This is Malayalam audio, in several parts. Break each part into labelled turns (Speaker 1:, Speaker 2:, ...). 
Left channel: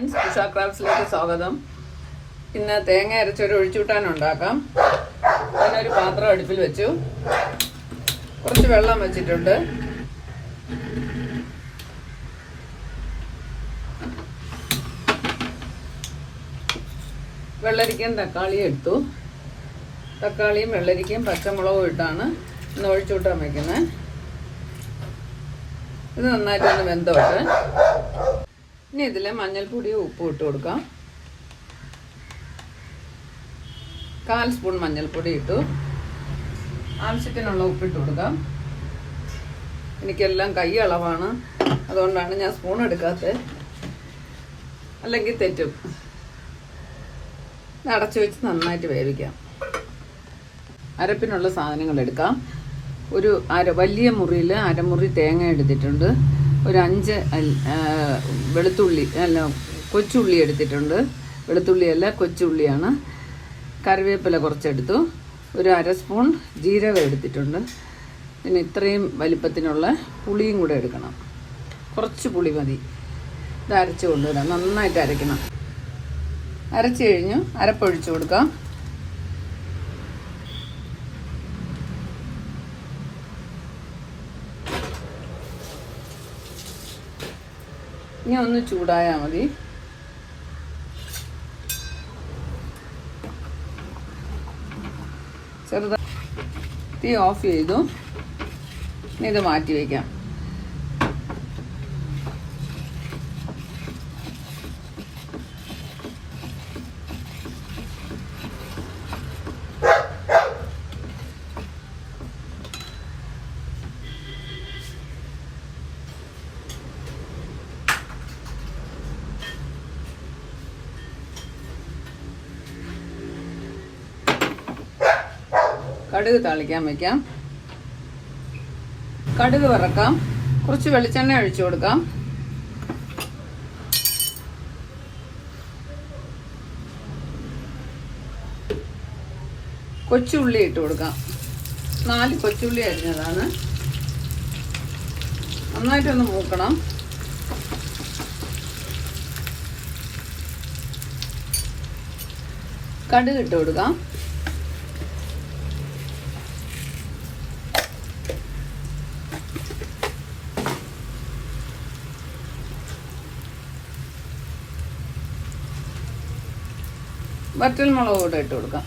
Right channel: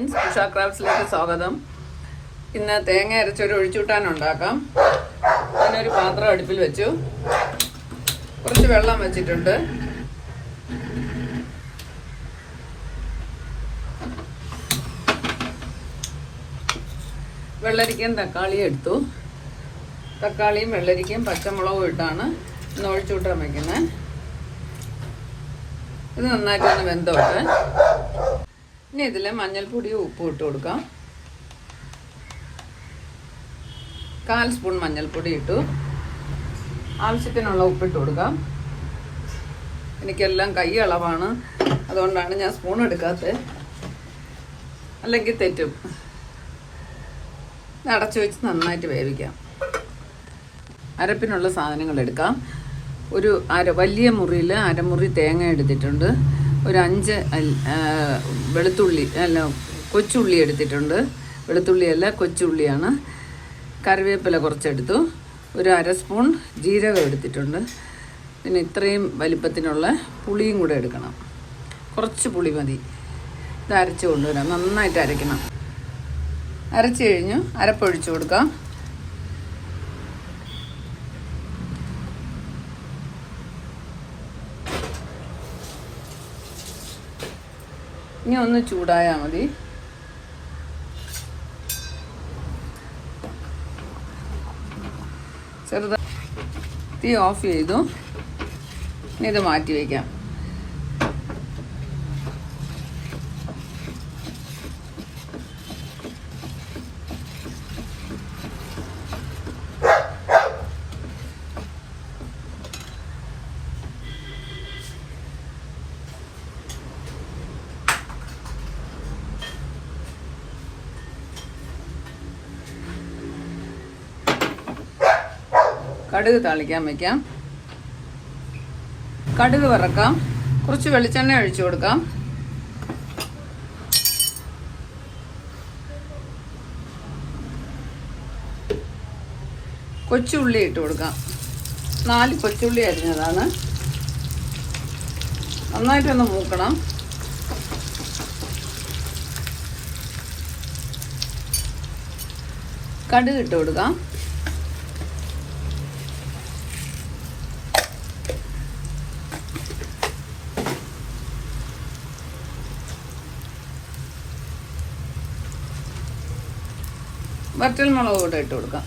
Speaker 1: ഫ്രണ്ട്സ് ഇഷ ക്രാഫ്റ്റ്സിലേക്ക് സ്വാഗതം. ഇന്ന് തേങ്ങ അരച്ചൊരു ഒഴിച്ചൂട്ടാൻ ഉണ്ടാക്കാം. ഞാനൊരു പാത്രം അടുപ്പിൽ വെച്ചു. കുറച്ച് വെള്ളം വെച്ചിട്ടുണ്ട്. വെള്ളരിക്കയും തക്കാളിയും എടുത്തു. തക്കാളിയും വെള്ളരിക്കയും പച്ചമുളകും ഇട്ടാണ് ഇന്ന് ഒഴിച്ചൂട്ടാൻ വയ്ക്കുന്നത് ഇത് നന്നായിട്ടൊന്ന് വെന്തോട്ടെ ഇനി ഇതിൽ മഞ്ഞൾപ്പൊടിയും ഉപ്പും ഇട്ട് കൊടുക്കാം. കാൽ സ്പൂൺ മഞ്ഞൾപ്പൊടി ഇട്ടു. ആവശ്യത്തിനുള്ള ഉപ്പിട്ട് കൊടുക്കാം. എനിക്കെല്ലാം കൈ അളവാണ്. അതുകൊണ്ടാണ് ഞാൻ സ്പൂൺ എടുക്കാത്തത് അല്ലെങ്കിൽ തെറ്റും. അടച്ചു വെച്ച് നന്നായിട്ട് വേവിക്കാം. അരപ്പിനുള്ള സാധനങ്ങൾ എടുക്കാം. ഒരു അര വലിയ മുറിയിൽ അരമുറി തേങ്ങ എടുത്തിട്ടുണ്ട്. ഒരു അഞ്ച് വെളുത്തുള്ളി അല്ല കൊച്ചുള്ളി എടുത്തിട്ടുണ്ട്. വെളുത്തുള്ളിയല്ല കൊച്ചുള്ളിയാണ്. കറിവേപ്പില കുറച്ചെടുത്തു. ഒരു അര സ്പൂൺ ജീരകം എടുത്തിട്ടുണ്ട്. പിന്നെ ഇത്രയും വലിപ്പത്തിനുള്ള പുളിയും കൂടെ എടുക്കണം. കുറച്ച് പുളി മതി. ഇത് അരച്ച് കൊണ്ടുവരാം നന്നായിട്ട് അരയ്ക്കണം. അരച്ച് കഴിഞ്ഞു. അരപ്പൊഴിച്ചു കൊടുക്കാം. ഇനി ഒന്ന് ചൂടായാൽ മതി. ചെറുതായി തീ ഓഫ് ചെയ്തു. ഇനി ഇത് മാറ്റി വയ്ക്കാം. കടുക് തളിക്കാൻ വെക്കാം. കടുക് വറക്കാം. കുറച്ച് വെളിച്ചെണ്ണ ഒഴിച്ചു കൊടുക്കാം. കൊച്ചുള്ളി ഇട്ട് കൊടുക്കാം. നാല് കൊച്ചുള്ളി അരിഞ്ഞതാണ്. നന്നായിട്ടൊന്ന് മൂക്കണം. കടുക് ഇട്ട് കൊടുക്കാം. വറ്റൽമുളക് കൂടെ ഇട്ട് കൊടുക്കാം.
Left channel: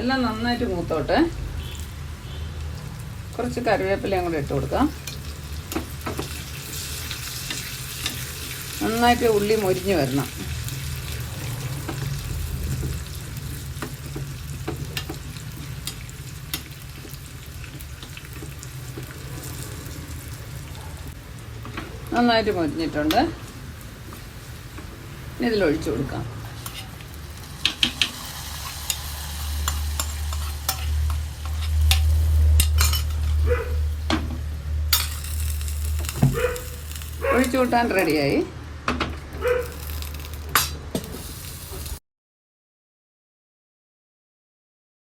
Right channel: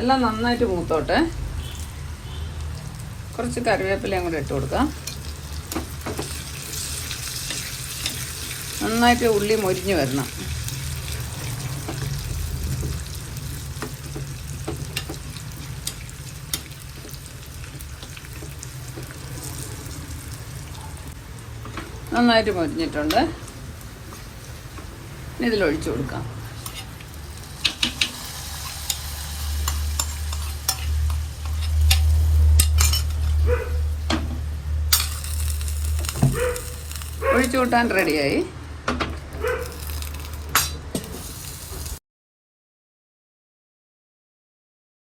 Speaker 1: എല്ലാം നന്നായിട്ട് മൂത്തോട്ടെ. കുറച്ച് കറിവേപ്പിലയും കൂടെ ഇട്ട് കൊടുക്കാം. നന്നായിട്ട് ഉള്ളി മൊരിഞ്ഞു വരണം. നന്നായിട്ട് പൊതിഞ്ഞിട്ടുണ്ട് ഇതിൽ ഒഴിച്ചു കൊടുക്കാം ഒഴിച്ചു കൂട്ടാൻ റെഡിയായി